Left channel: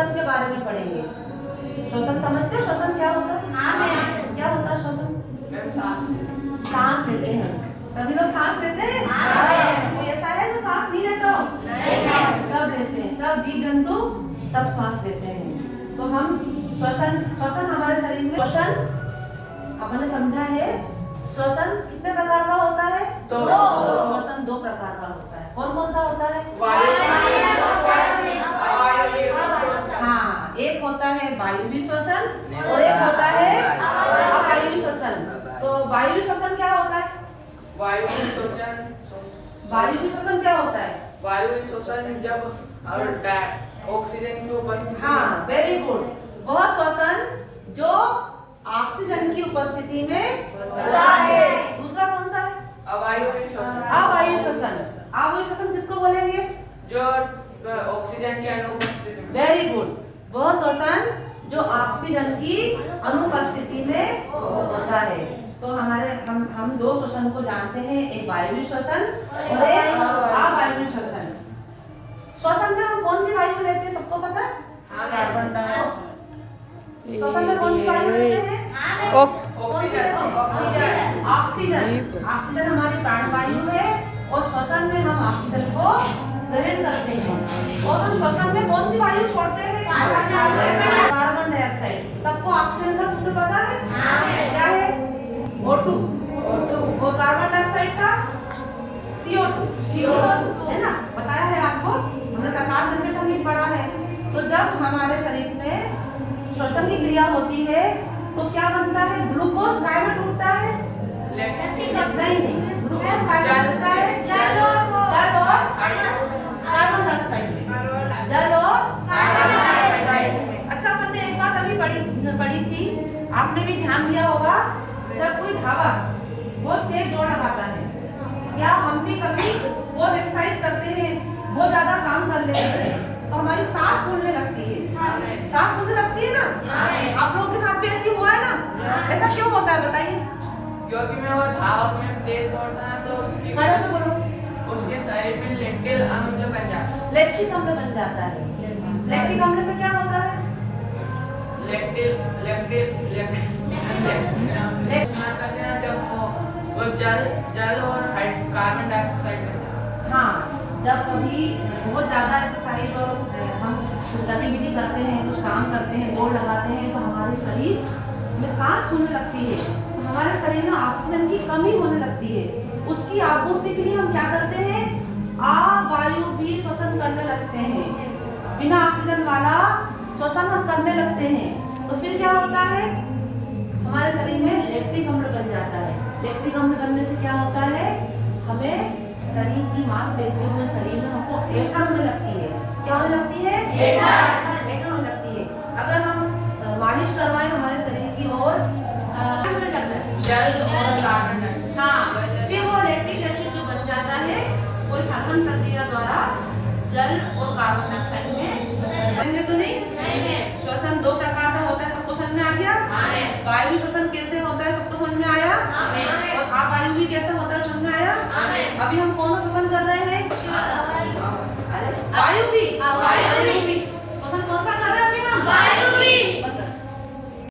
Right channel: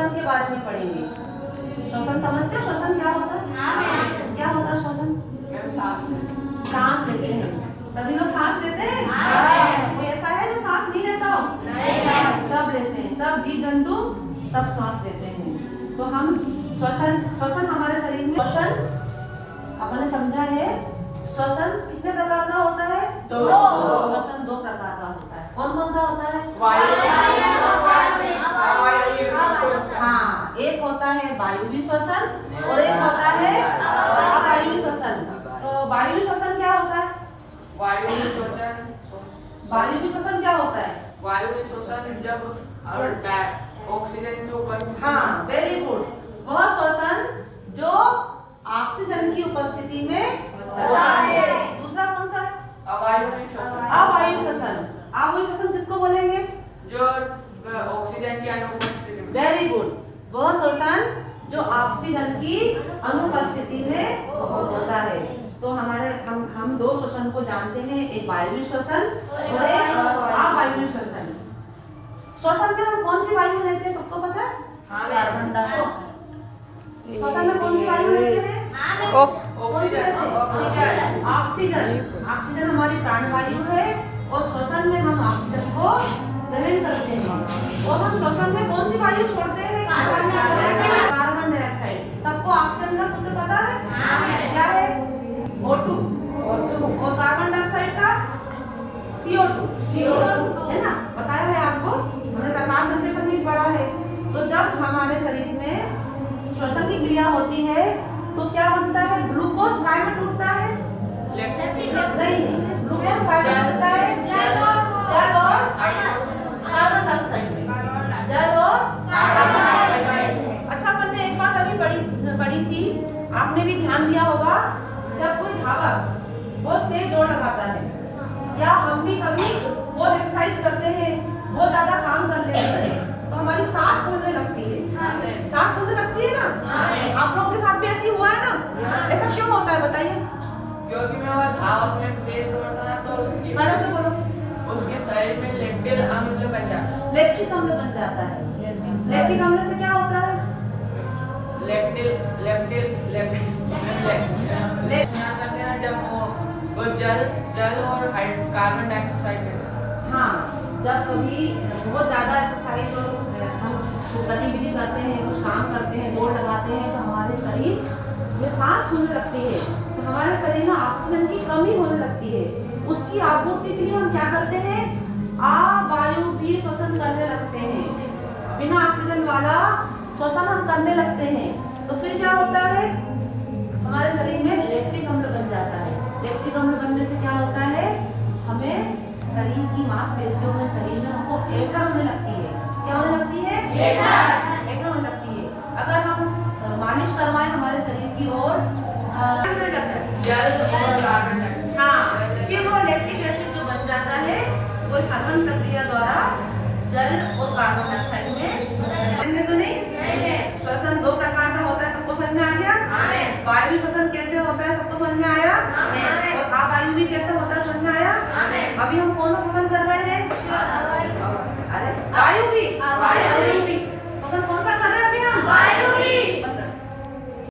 श्वसन के बारे में पढ़ेंगे। श्वसन समझते हो? श्वसन क्या होता है? क्या होता है श्वसन? सांस लेते हैं। सभी लोग सांस लेते हैं? कोई ऐसा है जो सांस नहीं लेता हो? सब लेते हैं, सब जीव जंतु सब सांस लेते हैं। तो हम श्वसन हमारे शरीर में आपने समझा है। श्वसन कितने प्रकार का होता है? श्वसन 2 प्रकार का होता है। कौन कौन सा होता है? हाँ, एक होता है वायुवी श्वसन और एक होता है अवायुवी श्वसन। तो वायुवी श्वसन क्या होता है? वायुवी श्वसन क्या होता है? वायुवी श्वसन जब ऑक्सीजन की उपस्थिति। हाँ, वेरी गुड। वह श्वसन जो ऑक्सीजन की उपस्थिति में होता है। दूसरा कौन सा है? अवायुवी श्वसन। अवायुवी श्वसन। अवायुवी श्वसन किसको बोलेंगे? जो ऑक्सीजन की अनुपस्थिति में। Very good. वह श्वसन जो ऑक्सीजन की अनुपस्थिति में होता है। तो हम 2 श्वसन को जानते हैं, एक वायुवी श्वसन और एक अवायुवी श्वसन। श्वसन में हम कौन सी वायु लेते हैं? सबको पता है? Carbon dioxide. श्वसन में कौन सी वायु लेते हैं? ऑक्सीजन। ऑक्सीजन हमारी प्राणवायु है और श्वसन में हम ऑक्सीजन को ग्रहण करते हैं। और हम श्वसन में कौन सी वायु छोड़ते हैं? Carbon dioxide. सबको ऑक्सीजन का सूत्र पता है? क्या है? O2। और कार्बन डाइऑक्साइड का CO2 है ना? बताया है आपको, हमने प्रकाश संश्लेषण भी पढ़ा है। तो जब हमारे शरीर में श्वसन की क्रिया होती है तो क्या बनता है? ग्लूकोज काय में टूटता है? नहीं, ग्लूकोज काय में टूटता है? जल और कार्बन डाइऑक्साइड में। जल और कार्बन डाइऑक्साइड। अच्छा, अपन ने एक बात अभी पढ़ी थी, आपने भी ध्यान दिया होगा। जब कोई धावक बहुत तेज दौड़ लगाता है या हम भी कभी बहुत एक्सरसाइज करते हैं, बहुत ज्यादा काम कर लेते हैं, तो हमारी सांस फूलने लगती है। सांस फूलने लगती है ना? आप लोगों के साथ भी ऐसी हुआ है ना? ऐसा क्यों होता है बताइए? क्योंकि मैं वो धावक में तेज दौड़ता है तो उसके शरीर में लैक्टिक अम्ल बन जाता है। लैक्टिक अम्ल बन जाता है। लैक्टिक अम्ल से क्या होता है? जब वो जल और कार्बन डाइऑक्साइड। हाँ, जब कभी बहुत ज़्यादा एक्सरसाइज और हम गतिविधि करते हैं, कुछ काम करते हैं, दौड़ लगाते हैं, तो हमारे शरीर में सांस फूलने लगती है। तो हमारे शरीर में ऑक्सीजन की कमी होने लगती है। उसकी आपूर्ति के लिए हम क्या करते हैं? अवायुवी श्वसन करने लगते हैं। बिना ऑक्सीजन वाला श्वसन हम करने लगते हैं। तो फिर क्या होता है? हमारे शरीर में लैक्टिक अम्ल बन जाता है। लैक्टिक अम्ल बनने से क्या होता है? हमें शरीर की मांसपेशियों में, शरीर में हमको एकड़ होने लगती है। क्या होने लगती है? एकड़ होने लगती है। अगर हम मालिश करवाएं हमारे शरीर की ओर, जल और कार्बन डाइऑक्साइड। हाँ, फिर वो लैक्टिक एसिड जो बन जाता है वो साधारण प्रक्रिया द्वारा जल और कार्बन डाइऑक्साइड में है। तो नहीं, श्वसन 2 प्रकार का होता है। सबको समझ में आ गया? वायु श्वसन कैसे होता है सबको समझ में आया? और अवायुवी कैसे होता है समझ में आया? अभी हम कौन सा श्वसन कर